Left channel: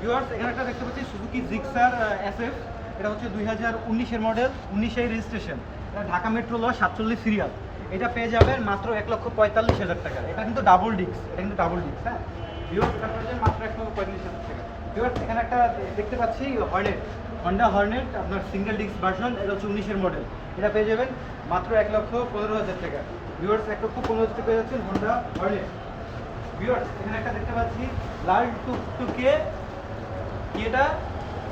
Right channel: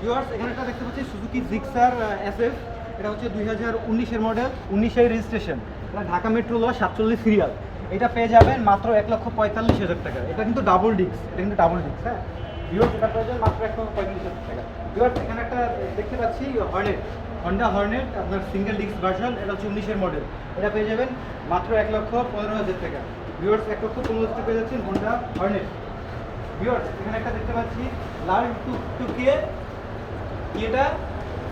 Viewers এখানে একটা দেখতে পাচ্ছি সুজুকি জিক্সার এসএফ। এটা হচ্ছে 2019-এর মডেল, 19-এর রেজিস্ট্রেশন। এটা ঢাকা মেট্রো ল 47 সিরিয়াল। এটা পেয়ে যাবেন মাত্র 1,45,000 টাকা। এটা কিন্তু ডাবল ডিস্ক, হ্যাঁ ভিউয়ার্স। এটা পেয়ে যাবেন মাত্র 1,45,000 টাকা। ভিউয়ার্স এখানে একটা দেখতে পাচ্ছি হর্নেট, হন্ডা হর্নেট আপনার সিঙ্গেল ডিস্ক ভার্সন। এটা হচ্ছে 19-এর মডেল। এটা পেয়ে যাবেন মাত্র 1,15,000 টাকা। ভিউয়ার্স 1,15,000 টাকা পেয়ে যাচ্ছেন হন্ডা হর্নেট। ভিউয়ার্স এখানে একটা দেখতে পাচ্ছি লাল টুকটুকে এটা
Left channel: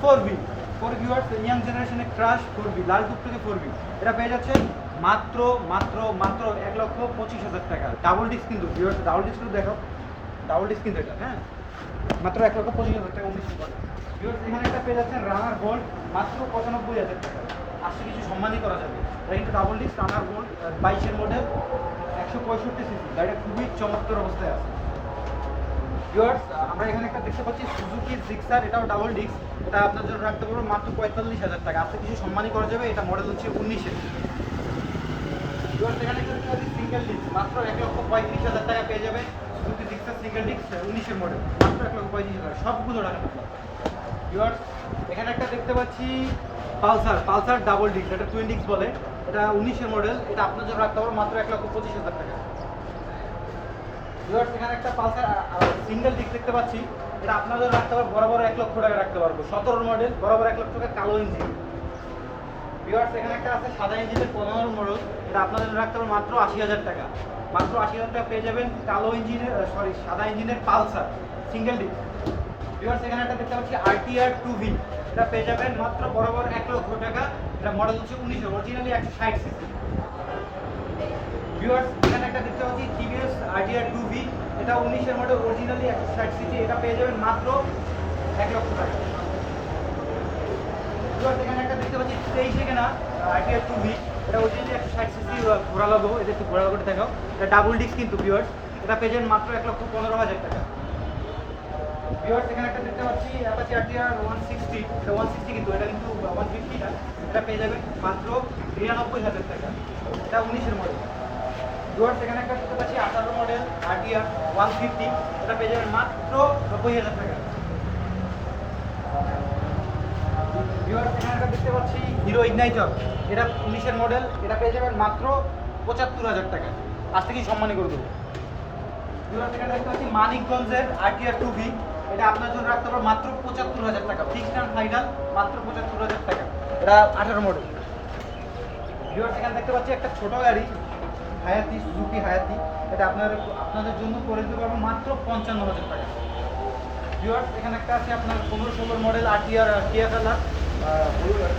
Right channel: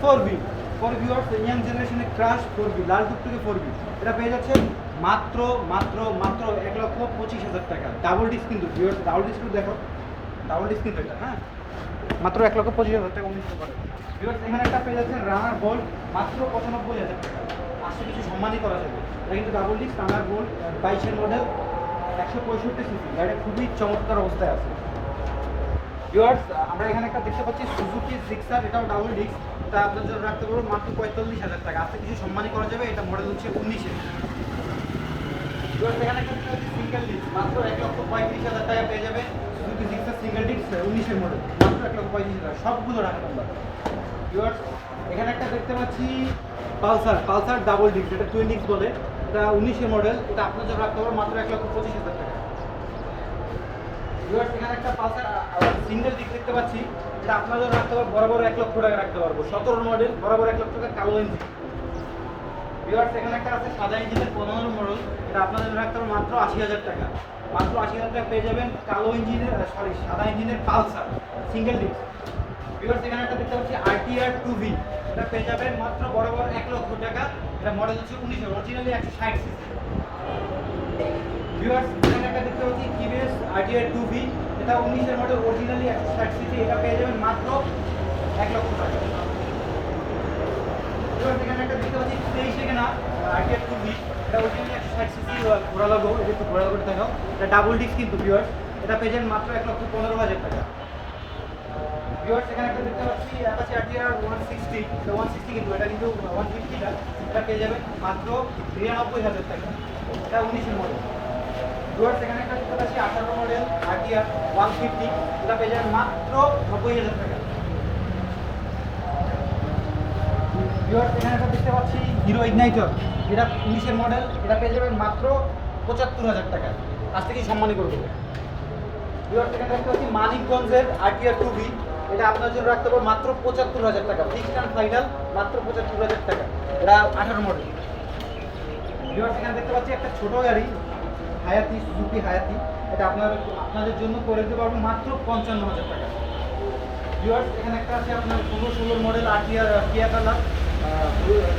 4বি ফর ভিউয়ার্স, ইয়াং জেনারেশনের ক্রাশ 4বি, লাল টুকটুকে 4বি। এটা পেয়ে যাচ্ছেন মাত্র মাত্র মাত্র 1,25,000 টাকা। ডাবল ডিস্ক কিন্তু ভিউয়ার্স, ডাবল ডিস্কটা দেখো, ডাবল ডিস্ক কিন্তু এটা, হ্যাঁ মাত্র 1,25,000 টাকা। 19 টাকা ভিউয়ার্স এখানে একটা পেয়ে যাচ্ছেন রানার বোল্ট মাত্র 95,000 টাকা। আসছে কিছু সম্মানই করা যাবে। এটা কিন্তু ডাবল ডিস্ক রানার বোল্ট, 22-এর মডেল, 165 সিসি। গাড়িটা খুবই চমৎকার অবস্থায় আছে। ভিউয়ার্স আমরা এখানে একটা দেখতে পাচ্ছি সুজুকি জিক্সার, এটাও ডাবল ডিস্ক। এটা আপনার জন্য রাখতে পারবো মাত্র 45,000 টাকা। আজকে কিছু সম্মানই করা যাবে। এটা মডেল হচ্ছে 19-এর। ভিউয়ার্স এখানে একটা সিঙ্গেল ডিস্ক মাত্র 1,35,000 টাকা পেয়ে যাবে। সুজুকি জিক্সার সিঙ্গেল ডিস্ক 19-এর মডেল মাত্র 1,35,000 টাকা। সবগুলো ঢাকা নাম্বার। ভিউয়ার্স এখানে একটা দেখতে পাচ্ছি পালসার ডাবল ডিস্ক, এটা টুইন ডিস্ক বলে। এটা 19-এর মডেল। এটা আপনার জন্য রাখতে পারবো মাত্র 1,25,000 টাকা। ভিউয়ার্স এখানে একটা পালসার সিঙ্গেল ডিস্ক দেখতে পাচ্ছি। এটা আপনাদের রাখতে পারবো বরাবর 1,00,000 টাকা রাখতে পারবো। 17 মডেল, বরাবর 1,00,000 টাকা, কালো ইঞ্জিন। ভিউয়ার্স এখানে একটা আছে সাদা ইঞ্জিনের 15 মডেল। এটা আপনাদের রাখতে পারবো মাত্র 80,000 টাকা। মাত্র 80,000 টাকা পেয়ে যাবেন কালো ইঞ্জিনের সাদা ইঞ্জিনের পালসার সিঙ্গেল ডিস্ক। ভিউয়ার্স এখানে একটা দেখতে পাচ্ছি আরটিআর 2বি। এটা পেয়ে যাবেন মাত্র বরাবর 1,00,000 টাকা। এটা মডেল হচ্ছে 19-এর, অরিজিনালি 160 সিসি। ভিউয়ার্স এখানে একটা দেখতে পাচ্ছি টিভিএস আরটিআর 2বি। এটা 19-এর মডেল, অরিজিনালি 160 সিসি। এটা পেয়ে যাবেন মাত্র 1,00,000 টাকা। ভিউয়ার্স এখানে একটা দেখতে পাচ্ছি 23-এ কেনা আরটিআর 2বি। এটা অরিজিনালি 160 সিসি, ঘোড়া লাগো। এটা একটু ঘোড়া লাগাতে দেখাও। এটা ডাবল ডিস্ক কিন্তু ভিউয়ার্স। এটা পেয়ে যাবেন মাত্র 1,15,000 টাকা। ভিউয়ার্স এখানে একটা দেখতে পাচ্ছি অ্যাপাচি আরটিআর 160। এটা 160 কিন্তু, এটা কিন্তু 150 না। এটা পেয়ে যাবেন মাত্র 93,000 টাকা। এটা 19-এর মডেল। ভিউয়ার্স এখানে একটা দেখতে পাচ্ছি 18 মডেল আরটিআর 150। এটা পেয়ে যাবেন মাত্র 90,000 টাকা। ভিউয়ার্স এখানে একটা দেখতে পাচ্ছি হিরো ইগনাইটর। এটা 19-এর মডেল। এটা পেয়ে যাবেন মাত্র 75,000 টাকা। আজ থেকেই সম্মানী করে দেবো। ভিউয়ার্স এখানে দেখতে পাচ্ছি মানিকগঞ্জের আরটিআর 2বি। এটা আপনার জন্য রাখতে পারবো মাত্র 75,000 টাকা। ফিক্সড অ্যান্ড ফাইনাল মাত্র 75,000 টাকা। এটা 18 মডেল। ভিউয়ার্স এখানে দেখতে পাচ্ছি একটা ছোট গাড়ি হায়াতি, সুজুকি হায়াতি। এটা আপনাদের জন্য করে দিতে পারবো মাত্র 55,000 টাকা। ভিউয়ার্স এখানে একটা আছে আপনার 15-16 মডেল আরটিআর টিয়া কালার,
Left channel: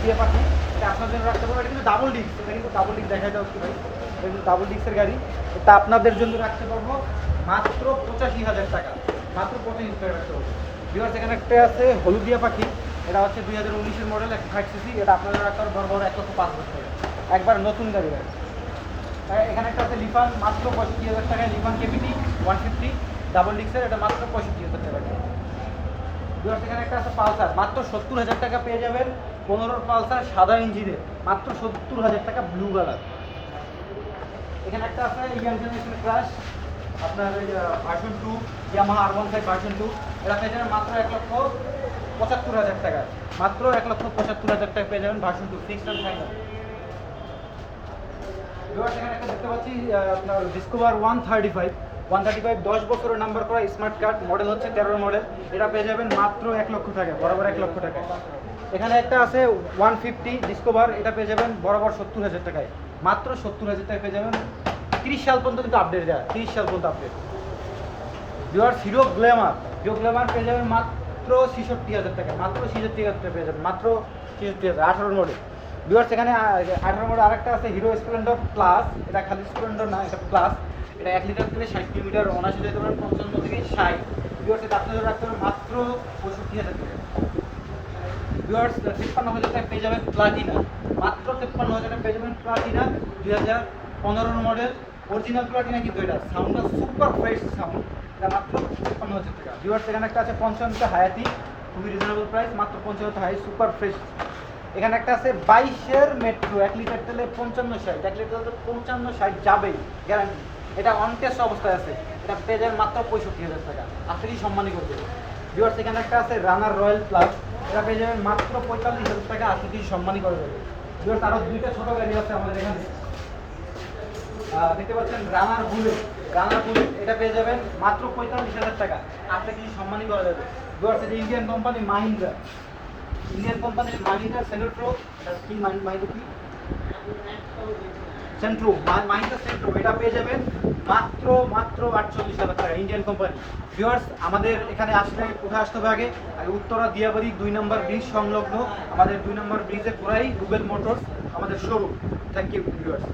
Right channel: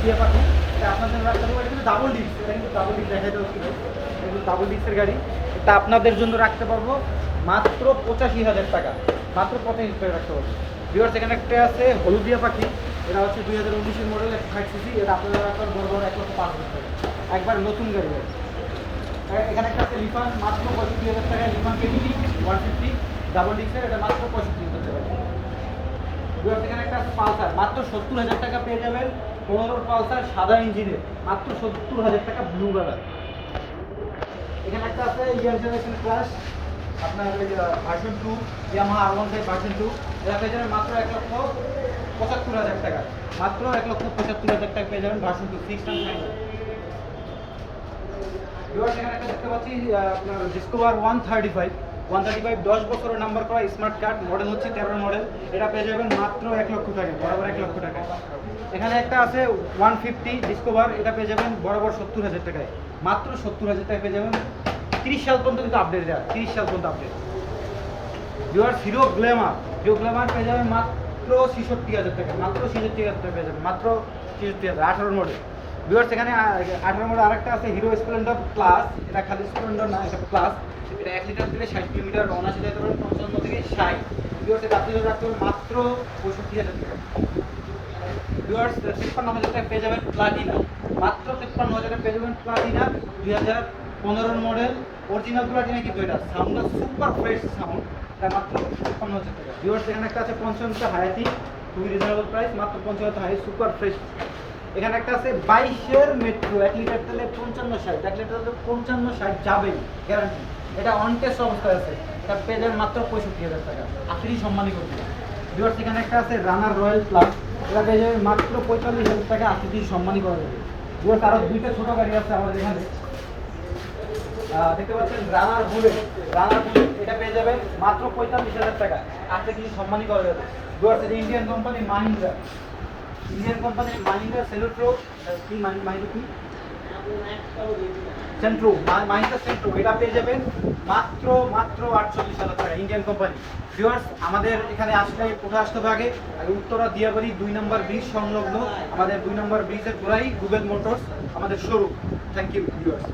টিয়া পাখি। এটা আপনার জন্য রাখতে পারবো। এটা কিন্তু ডাবল ডিস্ক, এটা কিন্তু ডাবল ডিস্ক দেখা যাচ্ছে ভাই। এটা কিন্তু ডাবল ডিস্কের গাড়ি। এটা আপনাদের জন্য রাখতে পারবো মাত্র 85,000 টাকা। মাত্র 85,000 টাকা রাখতে পারবো। ভিউয়ার্স এখানে একটা আছে হলুদিয়া পাখি। এটা হচ্ছে 2019-এর মডেল, 160 সিসি। এটা আপনাদের রাখতে পারবো বড় 1,05,000 টাকা। একবার নতুন গাড়ি হবে। এখানে একটা আছে লিফান মাত্র 65,000 টাকায়। লিফান কেবিটি 150 ডাবল ডিস্কের। এটা মাত্র 65,000 টাকা। ভিউয়ার্স এখানে একটা আছে পালসার মাত্র 70,000 টাকা পেয়ে যাবেন। 15 পালসার সাদা ইঞ্জিনের মাত্র 70,000 টাকা, ব্লু কালার। এখানে একটা আছে ইয়াং জেনারেশন ক্রাশ আপনার ভার্সন 2, ইয়ামাহা R15 ভার্সন 2। এটা পেয়ে যাবেন মাত্র 1,75,000 টাকা। মাত্র 1,75,000 টাকা পেয়ে যাবেন version 2, fixed and final. Viewers এখানে একটা দেখতে পাচ্ছি আপনার ডিসকভার 135 10 বছরের নাম্বার করা স্মার্ট কার্ড, মডেল হচ্ছে 13 মডেল। এটা পেয়ে যাবেন মাত্র 1,00,000 টাকা, বরাবর 1,00,000 টাকা। এখানে একটা আছে 150 ডিসকভার। এটা পেয়ে যাবেন বরাবর 70,000 টাকায়। মাত্র 70,000 টাকা পেয়ে যাবেন। 30 সাল পর্যন্ত কিন্তু আপডেট দেয়, 30 সাল পর্যন্ত আপডেট। ভিউয়ার্স হিরো গ্ল্যামার পেয়ে যাবেন মাত্র 66,000 টাকা। মাত্র 66,000 টাকা পেয়ে যাবেন, মাত্র 66,000, 18 মডেল। ভিউয়ার্স এখানে 18 মডেল আরেকটা আছে হিরো স্প্লেন্ডার প্লাস। এটা খালি স্প্লেন্ডার না, এটা প্লাস। এটা 1 লিটার দিলে 60 কিলোমিটার অনায়াসে যেতে পারেন, 55 থেকে 60। ভিউয়ার্স এটা আপনাদের রাখতে পারেন মাত্র 65,000 টাকা। ভিউয়ার্স 53,000 টাকা পেয়ে যাবেন প্লাটিনা। মাত্র 53,000 টাকা পেয়ে যাবেন প্লাটিনা, 2015 মডেল, অরিজিনাল প্লাটিনা কিন্তু। এটা সাউন্ড সুপার ফ্রেশ সাউন্ড। এটা মাত্র 53,000 টাকা। ভিউয়ার্স এখানে একটা আছে 55 হায়াতি, খুবই রিজনেবল প্রাইস, মাত্র 55 হাই সুপার ফ্রেশ। এখানে একটা আছে 22-এর মেট্রো, 1 লিটার তেলে 55-60, 1 লিটার তেলে 55-60 যাবেই গ্যারান্টি। এটা অন টেস্ট অবস্থায় আছে। এটা পেয়ে যাবেন মাত্র 65,000 টাকা। আসলেই সম্মানই করতে। ভিউয়ার্স এখানে একটা আছে রানার রয়্যাল প্লাস, এটা পেয়ে যাবে মাত্র 45,000 টাকা, আশিটি সম্মানই করা যাবে। ভিউয়ার্স আরও দুইটা ছোট গাড়ি আছে আমাদের এখানে, দেখতে পাচ্ছেন রানার বুলেট। রানার বুলেট এটা পেয়ে যাবেন মাত্র 45,000 টাকা, 8টা কিছু সম্মানই করা যাবে। ভিউয়ার্স এটা Indian company Mahindra, Indian company Mahindra Centra, কি মাহিন্দ্রা কি সেন্ট্রো, মাহিন্দ্রা সেন্ট্রো, এটা পেয়ে যাবেন মাত্র 48,000 টাকা, ইন্ডিয়ান কোম্পানি। ভিউয়ার্স আমাদের এখানে আসলে কোথায় আসতে হবে আগে উত্তরা দিয়াবাড়ি 2 নম্বর ব্রিজ সংলগ্ন, আমাদের 2 নম্বর ব্রিজের গোড়াই গুগল মোটরস আমাদের শোরুম। Thank you viewers.